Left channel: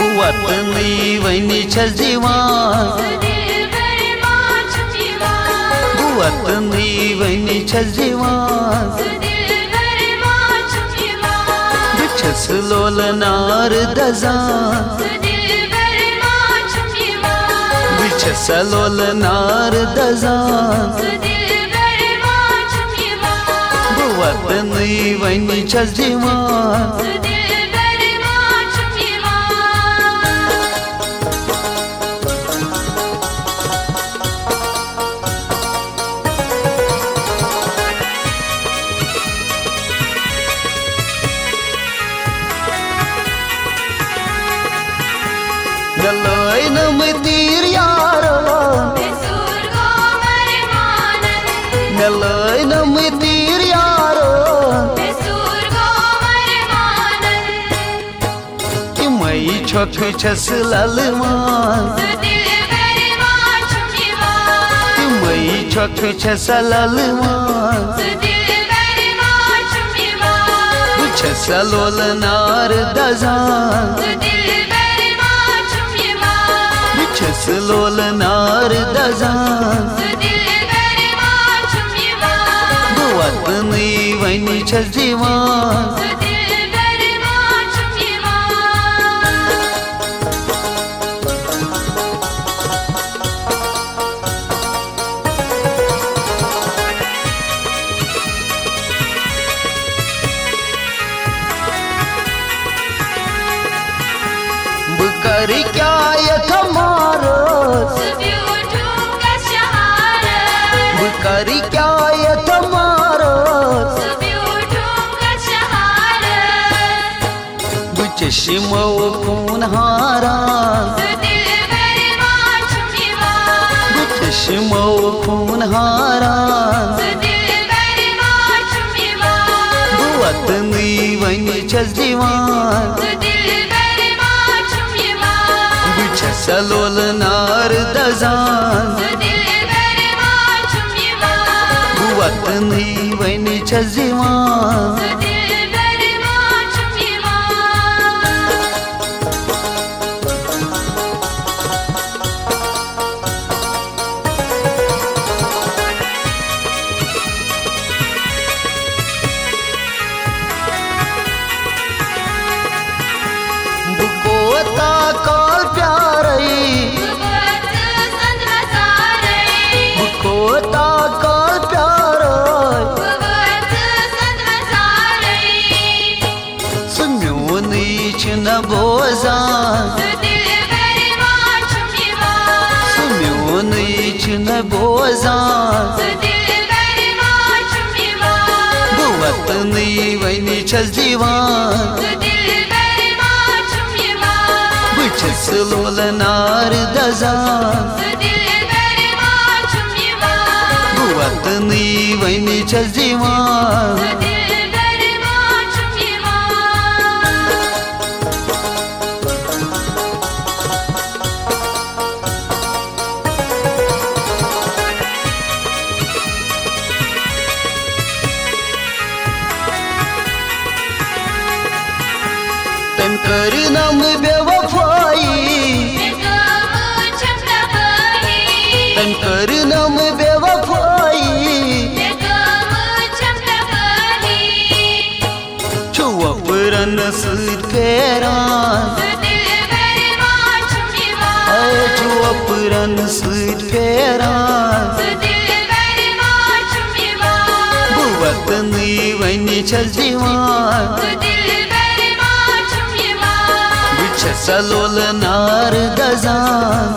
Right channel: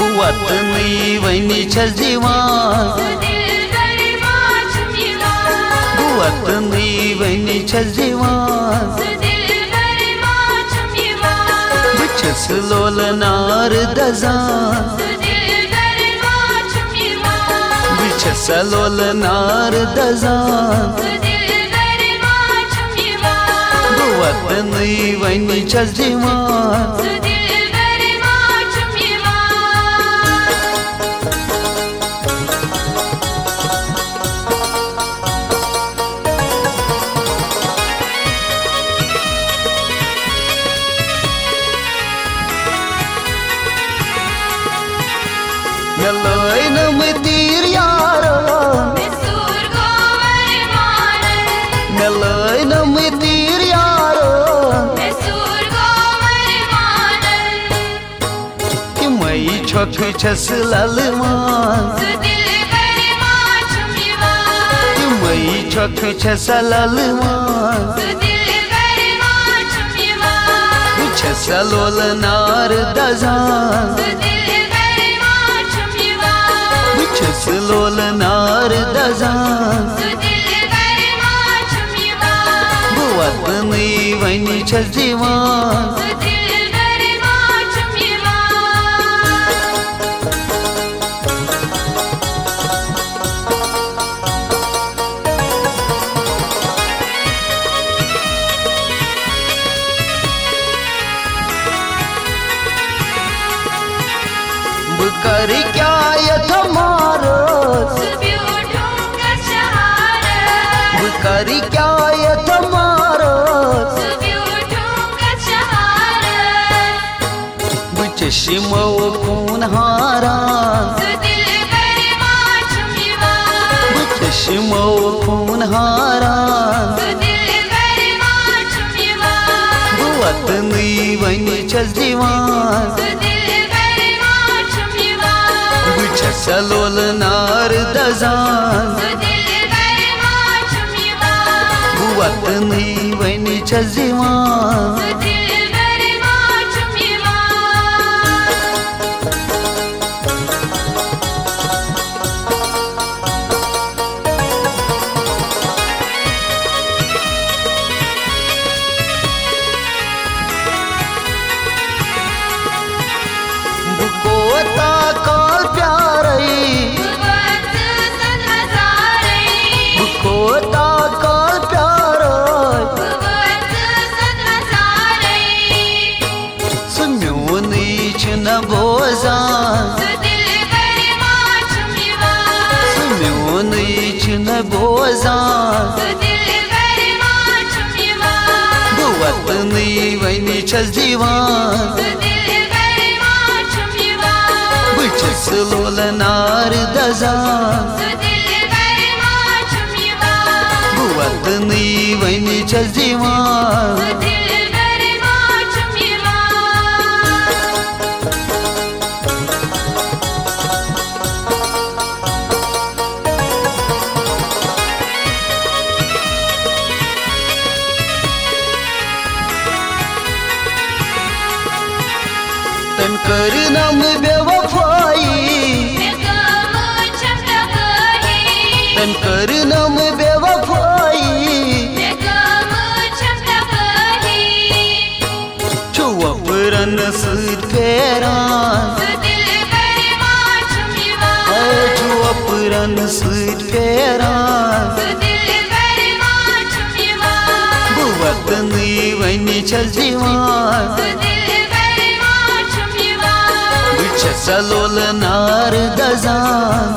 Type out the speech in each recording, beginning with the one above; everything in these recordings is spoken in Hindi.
वतनी वनी छस दीवान वतनी वनी छस दीवान बिछस लोल नार दजान बिछस लोल नार दजान वतनी वनी छस दीवान नलय नम तीर यारो नलय नम तीर यारो कि मई छोख छस ललमान कि मई छोख छस ललमान छस लोल नार दजान छस लोल नार दजान वतनी वनी छस दीवान करी क्या यथ मारस करी क्या यथ मारस चश्मो खून हारा चश्मो खून हारा वतनी वनी छस दीवान छस लोल नार दजान वतनी वनी छस दीवान बुकोता काल प्यारई बुकोता काल प्यारई सुम्योनी छन बोजान सुम्योनी छन बोजान वतनी वनी छस दीवान छस लोल नार दजान वतनी वनी छस दीवान तम कर नम बेवफाई तम कर नम बेवफाई छुआ पुरन सूद फेरान छुआ पुरन सूद फेरान वतनी वनी छस दीवान छस लोल नार दजान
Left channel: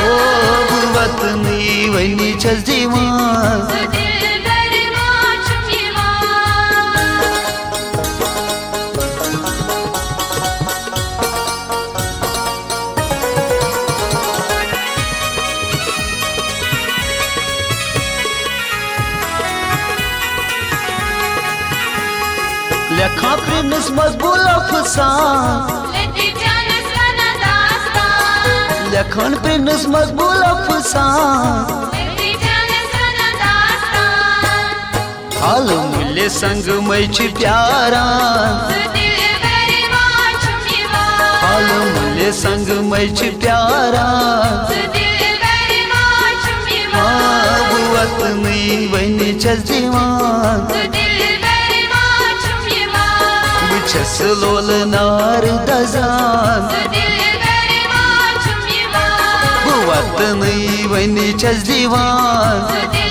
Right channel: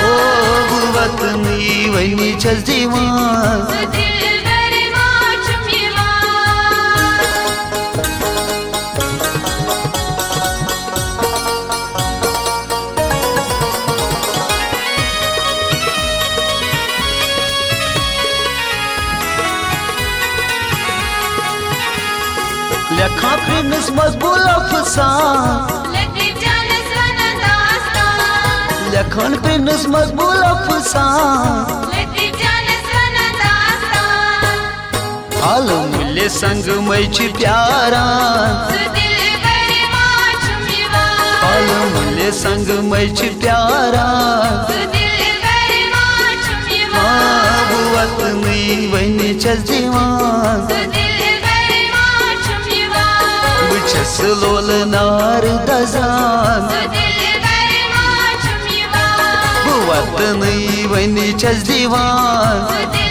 ओ वतनी वनी छस दीवान लखा प्रेमस मजबूल अफसान लखन प्रेमस मजबूल अफसान हाल मूल्य संग मै प्यारा आलमले संग मैं प्यारा हाँ बु वतनी वनी छस दीवान बु छस लोल नार दजान बु वतनी वनी छस दीवान